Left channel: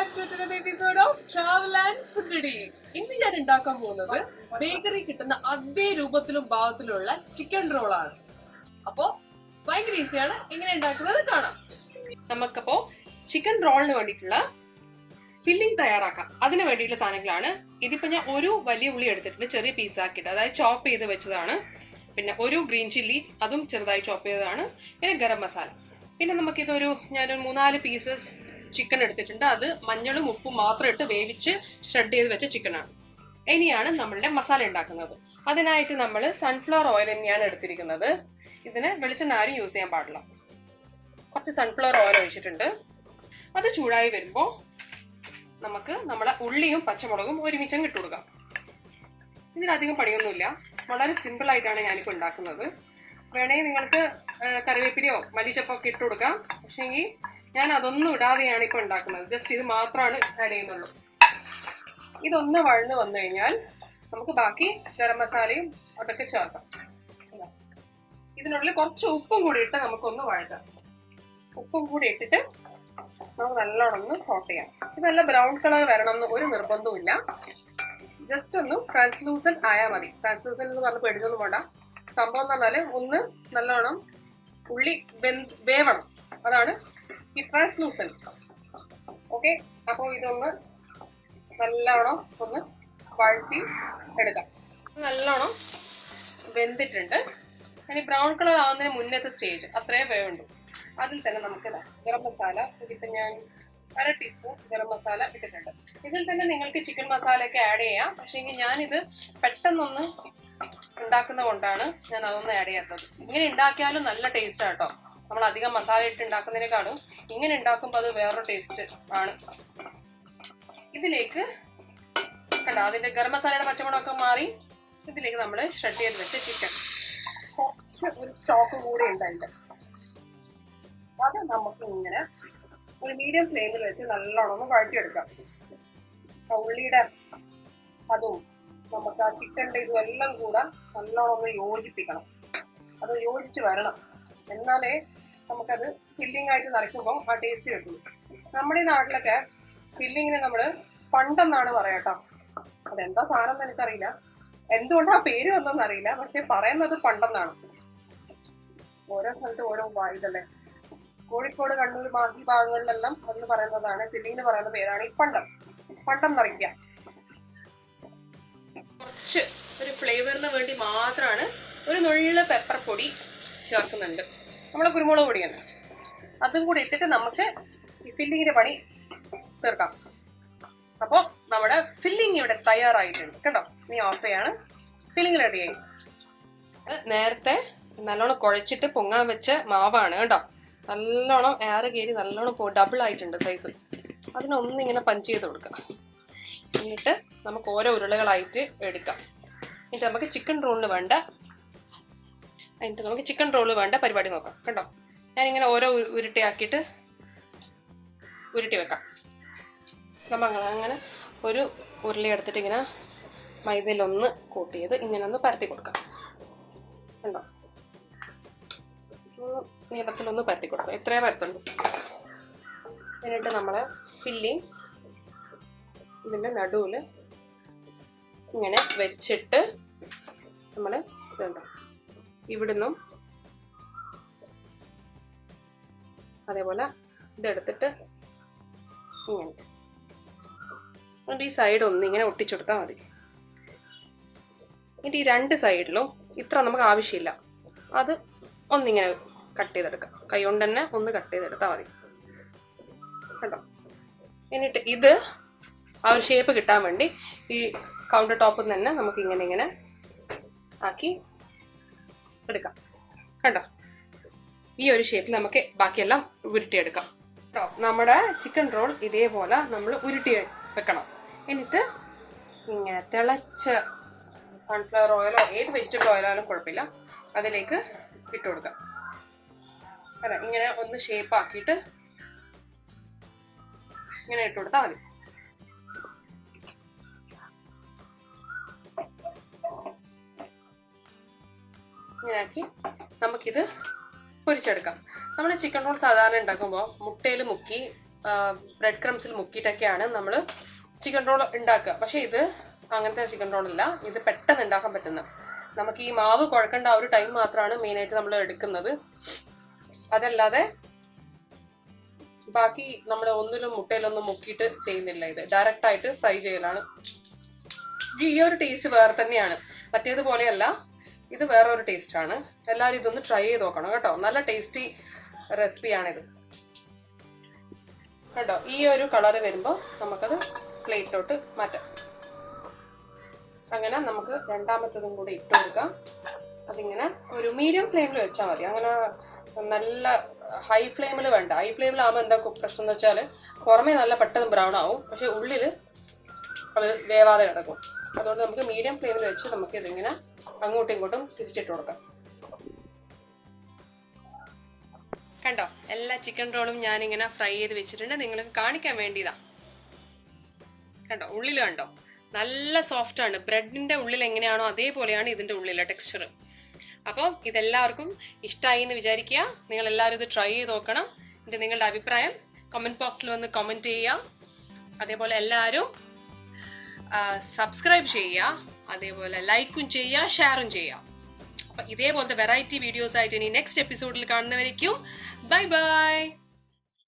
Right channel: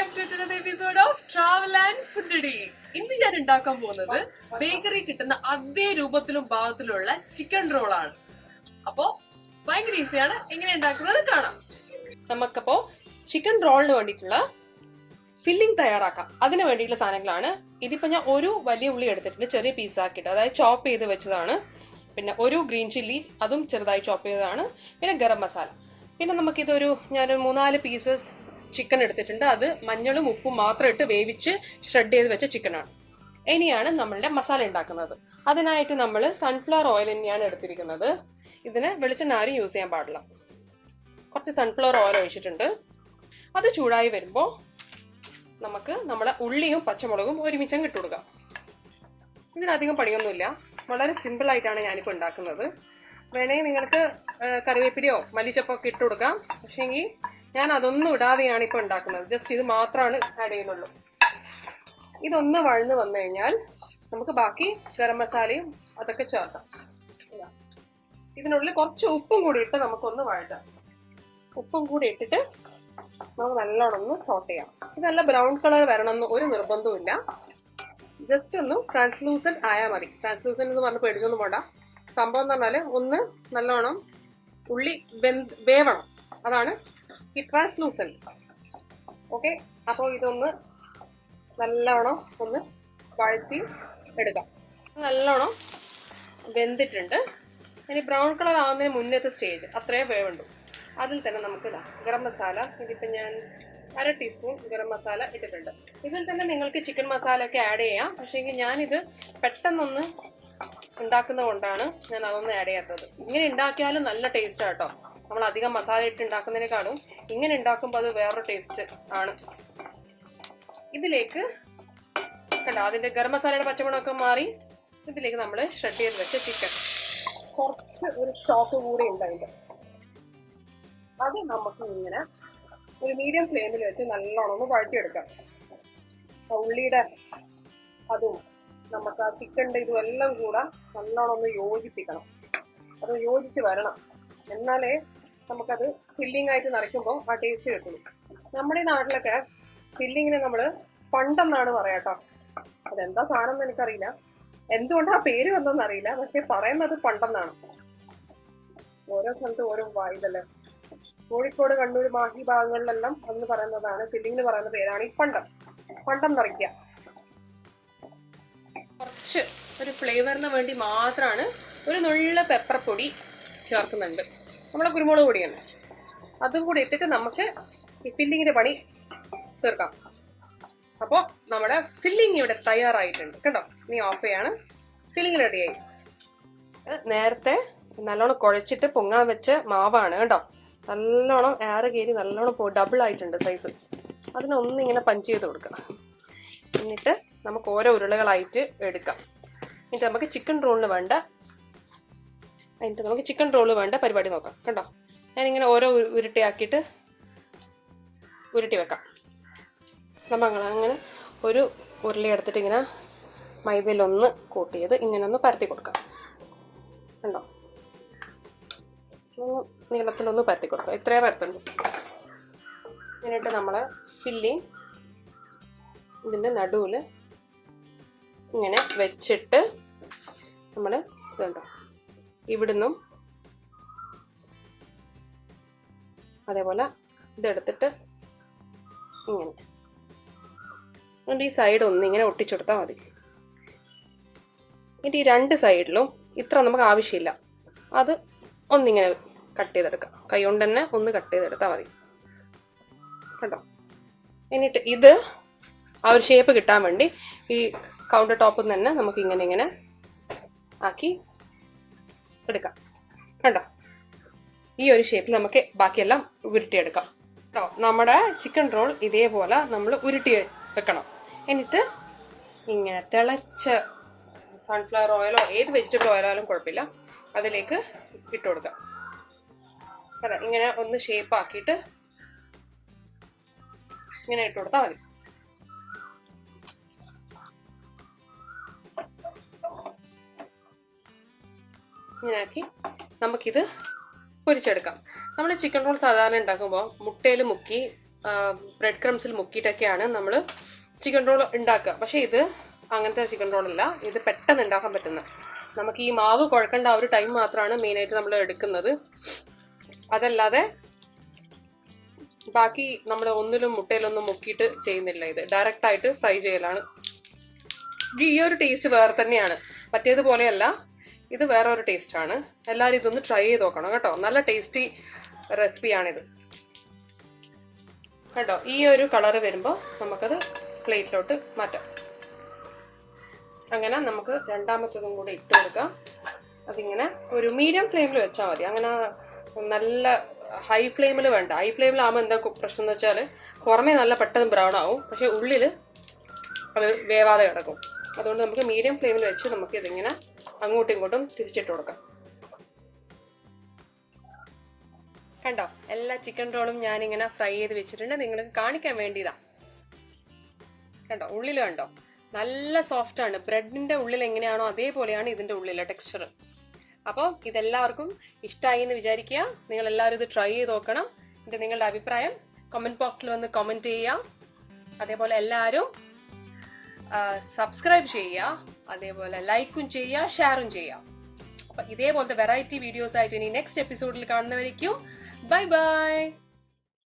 back to another episode of Travel and Food Today. ഇന്ന് ഞാൻ ഉണ്ടാക്കാൻ പോകുന്നത് ബേക്കറി കിട്ടുന്ന അതേ രൂപത്തിലും ഭാവത്തിലുള്ള ചിക്കൻ റോൾ ആണ്. അപ്പോ ഭയങ്കര ഈസിയാണ്, എങ്ങനെ ഉണ്ടാക്കുന്നത് കാണാം. നമുക്കപ്പോ ചിക്കൻ റോളിന് വേണ്ടിയിട്ടുള്ള ഫില്ലിംഗ് തയ്യാറാക്കാം. അതിന് വേണ്ടിയിട്ടുള്ള സാധനങ്ങളാണ് ഇതിപ്പോ ഞാൻ ഒരു വലിയ ഉള്ളി എടുത്തിട്ടുണ്ട്, ചെറിയ പീസാക്കിയിട്ട്, അതായത് ചോപ്പ് ചെയ്ത് വെച്ചതാണ്. പിന്നെ ഒരു ഗ്രീൻ ചില്ലി, അതും ചെറുതായി ചോപ്പ് ചെയ്തതാണ്. പിന്നെ ഗരം മസാല. പിന്നെ നമുക്കിതൊരു ഞാനൊരു 3-4 പീസസ് ചിക്കൻ എടുത്തിട്ടുണ്ട്. അത് മഞ്ഞളും ഉപ്പും മാത്രം ഇട്ട് വേവിച്ച് ഷ്രെഡ് ചെയ്ത് വെച്ച ചിക്കനാണ്. ഇനിയാണ് നമ്മളുടെ മസാല ഉണ്ടാക്കുന്നത്. അതിനായിട്ട് നമ്മൾ സൺഫ്ലവർ ഓയിൽ തന്നെയാണ് എടുത്തിരിക്കുന്നത്. ഇതിന് വെളിച്ചെണ്ണ ആരും യൂസ് ചെയ്യാൻ പാടില്ല. കുറച്ച് സൺഫ്ലവർ ഓയിൽ ഒഴിച്ചിട്ടുണ്ട്. അത് ചൂടായി വരുമ്പോൾ നമുക്ക് നമ്മുടെ ഉള്ളിയും പച്ചമുളകും ഒരുമിച്ചും ഇട്ട് കൊടുക്കാം. ഇതിനധികം പണിയൊന്നുമില്ല, വളരെ സിമ്പിൾ ആയിട്ടാണ് ഞാനിപ്പോൾ ഉണ്ടാക്കുന്നത്. വേണമെങ്കിൽ നിങ്ങൾക്ക് കറിവേപ്പിലയോ മല്ലിച്ചപ്പോ ഒക്കെ ഇട്ട് കൊടുക്കാം. പക്ഷേങ്കിൽ ഞാൻ അതൊന്നും ഇടാതെയാണ് ഇപ്പോൾ ഉണ്ടാക്കുന്നത്. ജസ്റ്റ് ഇത് മാത്രമാണ് ആഡ് ചെയ്യുന്നുള്ളൂ. ഇതൊന്ന് വഴന്ന് വന്നു കഴിഞ്ഞാൽ നമുക്ക് ബാക്കി ഗരം മസാലയും അതൊക്കെ ചേർക്കാം. ഇതിനുള്ളിൽ കുറച്ച് ഉപ്പും കൂടി ഇട്ട് നമുക്കൊന്ന് വഴറ്റാം. ഉപ്പും കൂടി ഇട്ടിട്ട് നമുക്ക് നല്ലോണം ഒന്ന് സോട്ട് ചെയ്യാം. ഇത് നല്ല ബ്രൗൺ കളർ വരണമെന്ന് ഒരു നിർബന്ധവും. ജസ്റ്റ് ഒന്ന് ട്രാൻസ്ലൂസൻ ആയാൽ മതി. ട്രാൻസ്ലൂസൻ എന്ന് പറഞ്ഞ് പേടിച്ചൊന്നും വേണ്ട. സംഭവം എന്ന് പറഞ്ഞാൽ ഒന്ന് നല്ലോണം ഉള്ളി വേവണം, അതാണ് ഈ ട്രാൻസ്ലൂസൻ. ഓക്കെ, അപ്പോൾ ഇതൊന്ന് നല്ലോണം ഒന്ന് വഴറ്റി എടുക്കാം. നല്ലോണം വെന്തിട്ടുണ്ട്. ഇനി ബ്രൗൺ കളർ ആവുന്നതിന് മുന്നത്തെ സ്റ്റേജ് അത്രേ വേവുണ്ട്. അതിൽ തന്നെ നമുക്ക് ഗരം മസാല, ഇതിപ്പോൾ ഞാൻ 1/2 ടീസ്പൂൺ ഗരം മസാല ഇട്ടിട്ടുണ്ട്. ഇതിൽ തന്നെ നിങ്ങൾക്ക് ചിക്കൻ മസാല ഒക്കെ ആഡ് ചെയ്യാം. പക്ഷേങ്കിൽ ഞാനിത് പെട്ടെന്നൊന്ന് ഉണ്ടാക്കുന്ന കൊണ്ടാണ് ഞാൻ അതൊന്നും ആഡ് ചെയ്യാത്തത്. ഇങ്ങനെ ഉണ്ടാക്കിയാലും നല്ല ടേസ്റ്റ് ആട്ടോ. നമ്മൾ അധികം മസാല ഇട്ട് ഉണ്ടാക്കുന്നതിനേക്കാളും ഇങ്ങനെ ഉണ്ടാക്കുമ്പോൾ അത് വേറൊരു ടേസ്റ്റ് ആണ്. ഇതിലേക്ക് കണ്ടോ, അതിന്റെ ഗരം മസാലയുടെ പച്ചമുളകൊക്കെ മാറി. ഇതിലേക്ക് നമ്മൾ ഷ്രെഡ് ചെയ്ത് വെച്ച ചിക്കൻ, കുറച്ച് ഒരു സ്റ്റോക്ക് കൂടി ഉണ്ട് അതിന്റെ, അത് നമുക്ക് ഇങ്ങനെ ഒരു മീഡിയം ഫ്ലെയിമിൽ വെച്ച് നല്ലോണം ഒന്ന് വഴറ്റിയെടുക്കാം. ഉള്ളിയുടെ അതും നമുക്ക് ആ ചിക്കൻ്റെ ഇതും എല്ലാം കൂടെ നല്ലോണം ഒന്ന് യോജിപ്പിക്കണം. അത് യോജിച്ച് വരണം, എന്നാലേ നമുക്കത് ഫില്ലിംഗ് ആയിട്ട് നിറയ്ക്കുമ്പോൾ ആ ടേസ്റ്റ് കിട്ടുള്ളൂ. നമ്മുടെ ഈ നാട്ടിലൊക്കെ ഫില്ലിങ്ങിന് നമ്മൾ പണ്ടെന്നാണ് പറയാട്ടോ. അതെന്താ സാധനം എന്ന് എനിക്കറിയില്ല, എന്തുകൊണ്ട് ആ പേര് വന്നോന്ന് അറിയില്ല. പക്ഷെ പറയുന്നത് പണ്ടെന്നാണ്. ഓരോ സ്ഥലത്തും ഓരോ ഇതല്ലേ. കോഴിക്കോട്, കണ്ണൂർ, ബാക്കി ഭാഗങ്ങളിലെല്ലാം അന്ന് പറയുന്നതാണ്, ഫില്ലിങ്ങിന് പറയുന്ന പേരാണ് ഈ പണ്ടം. പണ്ടം നിറയ്ക്കുക. കുറച്ച് ഒരു ഫ്ലേവറിന് വേണ്ടി മാത്രമാണ് ഒരു നുള്ള പെപ്പർ പൊടി ചേർക്കുന്നുണ്ട്. നമ്മളെ കുരുമുളക് പൊടിയാണ്. അതും കൂടി ഇട്ടിട്ട് നമുക്ക് ഈ ഫില്ലിങ്ങിന്റെ പണി തീർക്കാം. അപ്പോൾ നമ്മുടെ ഫില്ലിങ് ഇവിടെ തയ്യാറായിട്ടുണ്ട് കേട്ടോ. നീ ഓഫ് ചെയ്യാണ്. ഫില്ലിങ് റെഡിയായി. നേരത്തെ നല്ലോണം കുഴച്ചിട്ട് പൊങ്ങാൻ വെച്ച മാവാണ് കേട്ടോ. നല്ലോണം എയർ കയറി നല്ലോണം ഡബിൾ ആയിട്ടുണ്ട് സൈസ്. അതിനൊന്നിങ്ങനെ പഞ്ച് ചെയ്ത് കൊടുക്കാം. എന്നിട്ട് നമുക്ക് ഓരോ ഉരുളകളായിട്ട് എടുക്കാം. എന്നിട്ട് നമുക്ക് ചിക്കൻ റോളിന് വേണ്ട പരിപാടി നോക്കാം കേട്ടോ. ഞാനിങ്ങനെ ഓരോ ഉരുട്ടിയാക്കിയിട്ട് ഉരുട്ടി വെക്കാം. നമ്മൾ അങ്ങനെ ഒരു ഉരുളി എടുത്തിട്ട് ഇങ്ങനെ മൈദയിലൊന്ന് കോട്ട് ചെയ്ത് ഇങ്ങനെ ഒന്ന് പരത്തി കൊടുക്കാം. കണ്ടോ, നീളത്തിലൊന്ന് പരത്തി കൊടുക്കാം. ഇത്രയേ പരത്തുള്ളൂ. എന്നിട്ട് നമ്മൾ ഫില്ലിങ് ഇതിൻ്റെ നടുവിൽ ഇങ്ങനെ വെച്ചിട്ട് നമ്മൾ ഇതുണ്ടോ ഇവിടുന്നും അതേപോലെ ഇതെടുത്തിട്ട് ഇങ്ങനെ എന്നിട്ട് ഈ സൈഡ് ഒന്നിങ്ങനെ ഒട്ടിച്ചെടുത്താൽ മതി. എന്നിട്ട് ഈ 2 സൈഡിലും ഇത്ര നമുക്ക് ആവശ്യമില്ല, അത് ഒന്നിങ്ങനെ കട്ട് ചെയ്തെടുക്കാം. കൈ കൊണ്ട് തന്നെ ഒന്ന് കട്ട് ചെയ്തെടുത്താൽ മതി കേട്ടോ. എന്നിട്ട് ഇത് ആ ഒരു ഷേപ്പ് കിട്ടാൻ വേണ്ടി ഈ കൗണ്ടർ ടോപ്പിൽ തന്നെ നമുക്ക് ഇങ്ങനെ ആക്കി എടുക്കാം കേട്ടോ. ഈ ഒരു ഷേപ്പിൽ നമുക്ക് ബാക്കിയെല്ലാം ഉരുട്ടിയെടുക്കാം കേട്ടോ. നമ്മുടെ ചിക്കൻ റോൾ ഇതേപോലെ നമ്മൾ ഉരുട്ടി വെക്കണം. എന്നിട്ട് ഇങ്ങനെ തിളച്ച സൺഫ്ലവർ ഓയിലോ ഏത് വെജിറ്റബിൾ ഓയിലായാലും കുഴപ്പമില്ല, അതിലേക്ക് ഇട്ട് കൊടുക്കാം കേട്ടോ. ഇങ്ങനെ ഒന്ന് ഷേപ്പ് ആക്കിയിട്ട് ഇങ്ങനെ ഇട്ട് കൊടുത്താൽ മതി. ഇങ്ങനെയാക്കി നമുക്കിത് പൊരിച്ചെടുക്കാം. നമ്മൾ ചിക്കൻ റോൾ സാധാരണ ഉണ്ടാക്കുമ്പോൾ മുട്ടയിൽ മുക്കി ബ്രെഡ് ക്രംസിൽ മുക്കിയിട്ടൊക്കെയാണ് നമ്മൾ ചിക്കൻ റോൾ ഉണ്ടാക്കുക. പക്ഷെ ഇത് അങ്ങനത്തെ ചിക്കൻ റോൾ അല്ല, ഇത് പെട്ടെന്ന് ഉണ്ടാക്കാൻ പറ്റുന്ന. നമുക്ക് ഈ മാവ് കുഴക്കേണ്ട ആ ഒരു ടൈം മാത്രമാണ് മെയിനായിട്ട് നമ്മൾ എടുക്കുന്നത്. അതല്ലാതെ ബാക്കി നമ്മൾ ഒന്നിലും മുട്ടയിലൊന്നും മുക്കിയിട്ട് ചെയ്യുന്നില്ല. ഇത് ഡയറക്റ്റ് ആയിട്ട് ഫ്രൈ ചെയ്യലാണ്. ഈ ഒരു ടേസ്റ്റ് വേറെ തന്നെയാണ്, മറ്റേതുപോലെയല്ല, ഇത് വേറെ ഒരു ടേസ്റ്റാണ്. എല്ലാവരും ഇതൊന്ന് ട്രൈ ചെയ്ത് നോക്കണം കേട്ടോ. നല്ല ടേസ്റ്റി റെസിപ്പിയാണിത് കേട്ടോ. ഈ ഒരു കളറ് വരുമ്പോൾ നമുക്കത് പ്ലേറ്റിലോട്ട് മാറ്റാം. അങ്ങനെ നമുക്ക് രണ്ടാമത്തതും കൂടി ഇട്ട് കൊടുക്കാം. അതിങ്ങനെ ഒരു മീഡിയം ഫ്ലെയിമിൽ വെച്ചാൽ മതി. അങ്ങനെ നല്ല ഹൈ ഫ്ലെയിമിൽ വേണ്ട. ഹൈ ഫ്ലെയിമിലാകുമ്പോൾ എന്താ പ്രശ്നം എന്ന് വെച്ചാൽ പുറമേ നല്ല പെട്ടെന്ന് ബ്രൗൺ ആവും, പക്ഷെ ഉള്ളിൽ അത് വേവാതെ കിടക്കും. അതുകൊണ്ട് നമുക്ക് മീഡിയം ഫ്ലെയിമിൽ വെച്ച് നമുക്ക് ഇതിങ്ങനെ അങ്ങോട്ടും ഇങ്ങോട്ടും തിരിച്ചിട്ട് കൊടുക്കാം. കണ്ടോ, എല്ലാ ചിക്കൻ റോളും ഞാനിങ്ങനെ ഫ്രൈ ചെയ്ത് വെച്ചിട്ടുണ്ട്. നിങ്ങൾക്ക് കാണിക്കാൻ വേണ്ടിയതാ. കണ്ടോ, ഉള്ളിൽ കണ്ടോ നല്ല സോഫ്റ്റ് ആണ്. ബ്രെഡിന്റെ ഉള്ളിൽ എങ്ങനെയാണോ അതേപോലെയാണ് ഇതിന്റെ ഉള്ളിലെ ടെക്സ്ചർ. അപ്പോൾ ഇതെല്ലാവർക്കും ഇഷ്ടമായി എന്ന് വിചാരിക്കുക. നിങ്ങൾ എല്ലാവരും ഇത് ട്രൈ ചെയ്ത് നോക്കണം. നിങ്ങളുടെ അഭിപ്രായം കമന്റ് ബോക്സിൽ വന്ന് കമന്റ് ചെയ്യുക. അതേപോലെ എല്ലാവരും സബ്സ്ക്രൈബ് ചെയ്യുക, അതേപോലെ ലൈക്കും ചെയ്യുക, ഷെയറും ചെയ്യുക. അപ്പം ഇതേപോലത്തെ വെറൈറ്റി വീഡിയോസ് ആയിട്ട് ഇനി നെക്സ്റ്റ് എപ്പിസോഡിൽ കാണുന്നവരേക്കും ബൈ ബൈ.